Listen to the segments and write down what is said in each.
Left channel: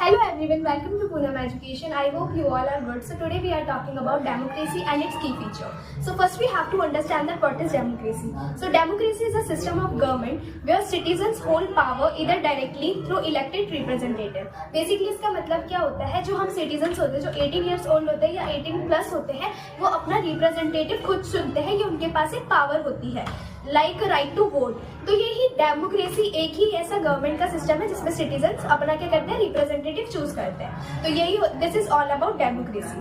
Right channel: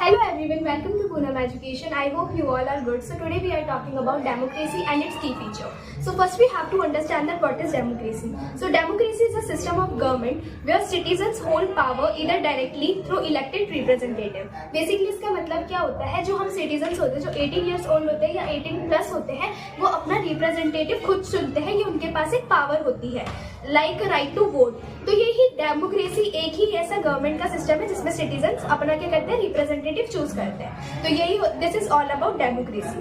Hello everyone, welcome to Poonam Education. I hope you all are good. So today we are talking about democracy and its key feature. So first we have to understand that what is democracy. So democracy is a system of government where citizens hold power either directly through elected representative. Basically इसका मतलब क्या होता है, जो हम citizens होते हैं, जो 18 years old होते हैं या 18 plus होते हैं, वो अपना representative खुद चुनते हैं. ये उनके पास एक power होती है, like right to vote. तो यही डेमोक्रेसी एक ही ऐसा गवर्नमेंट का सिस्टम है जिसमें सिटीजन्स अपना क्या करते हैं, रिप्रेजेंटेटिव चूज करते हैं. तो यही this is all about democracy.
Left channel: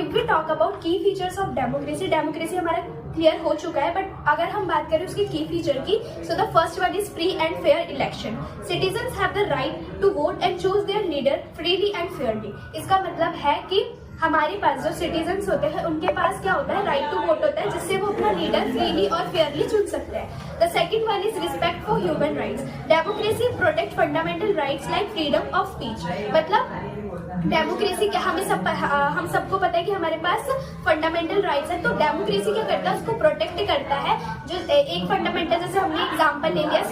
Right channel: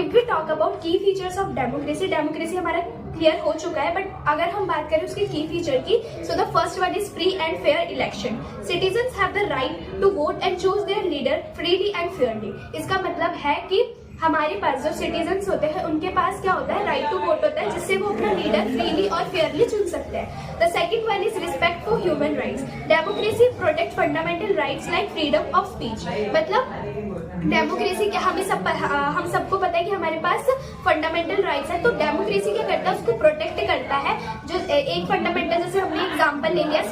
If we talk about key features of democracy, democracy हमारा क्लियर हो चुका है, बट अगर हम बात करें उसकी की फीचर की, so the first one is free and fair election. Citizens have the right to vote and choose their leader freely and fairly. इसका मतलब है कि हमारे पास जो सिटीजन्स होते हैं उनके पास क्या होता है, राइट टू वोट होता है, जिससे वो अपना लीडर फ्रीली और फेयरली चुन सकते हैं. The second one is respect for human rights. Democracy protect fundamental rights like freedom of speech. मतलब डेमोक्रेसी क्या, हम सबको पता है कि हमारे पास फंडामेंटल राइट्स है, तो डेमोक्रेसी क्या करता है, उसको प्रोटेक्ट करता है. जो एक फंडामेंटल, जैसे हमने एग्जांपल ले लिया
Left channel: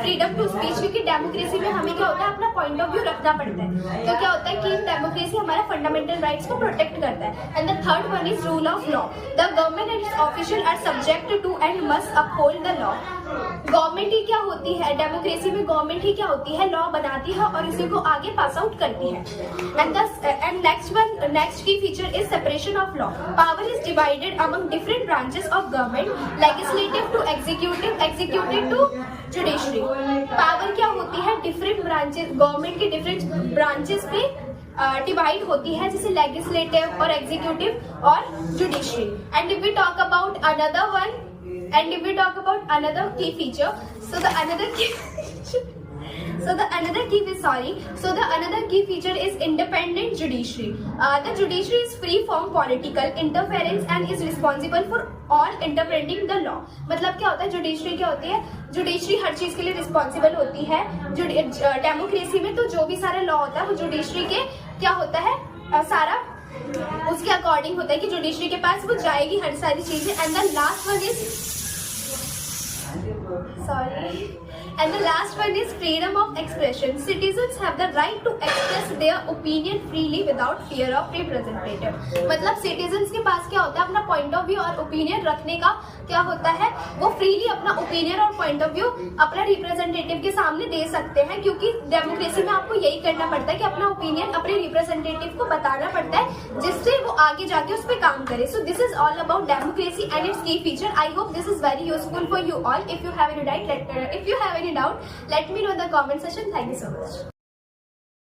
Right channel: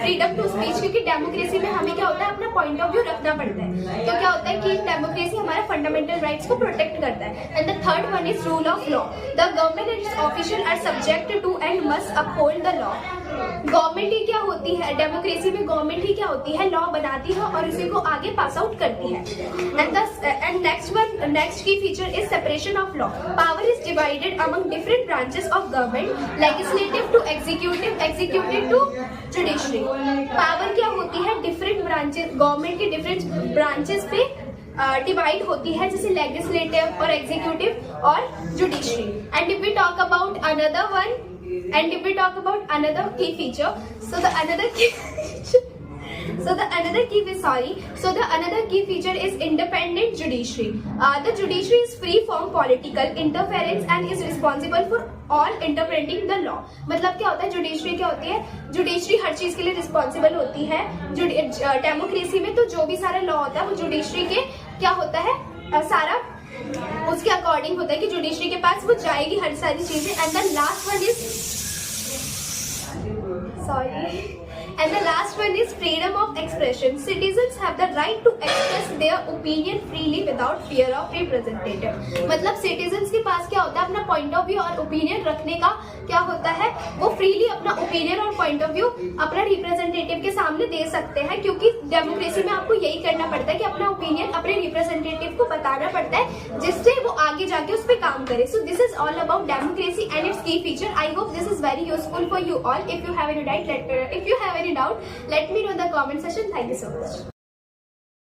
फ्रीडम टू स्पीच, क्योंकि डेमोक्रेसी में हमें क्या होता है, अपना पॉइंट ऑफ व्यू रखना पड़ता है. तो क्या होता है कि डेमोक्रेसी हमारा फंडामेंटल राइट्स को प्रोटेक्ट करता है. And the third one is rule of law. The government and its official are subject to and must uphold the law. Government ही क्या होती है, डेमोक्रेसी में गवर्नमेंट ही क्या होती है, लॉ बनाती है और इसी को आगे पास आउट करती है. And next key feature is separation of law. Power is divided among different branches of government, legislative to executive, executive to judiciary. Power क्या होती है, डिफरेंट ब्रांचेस, गवर्नमेंट के डिफरेंट ब्रांचेस पे डिवाइड होती है, जैसे लेजिस्लेटिव और एग्जीक्यूटिव और judiciary. And if we talk about another one, and if we talk about another key feature, so the another key feature is independent judiciary. The judiciary is free from political interference and is responsible for all interpreting the law. मतलब क्या होता है, judiciary क्या होती है, judiciary हर चीज के लिए रिस्पॉन्सिबल होती है डेमोक्रेसी में. तो जो भी सारा लॉ होता है वो जुडिशरी के क्या होता है, सारा उसके अकॉर्डिंग होता है कि जुडिशरी के पास वो जाएगी हर सारी चीजें. And the last one is freedom of expression. Citizens have the right to express their opinion freely without fear of representative. मतलब citizens के पास क्या होता है, अपना point of view और opinion रखने का क्या होता है, वो freely अपना opinion और point of view अपना representative के सामने दे सकते हैं. क्योंकि डेमोक्रेसी में आपको यही करना पड़ता है कि अपना opinion अपने representative को बताना पड़ता है, जिससे वो आगे जाके उस पर काम करे. So this is all about democracy and its key feature. I hope this is very useful for you all. If you have any doubt, let me know in the comment section. Thank you so much.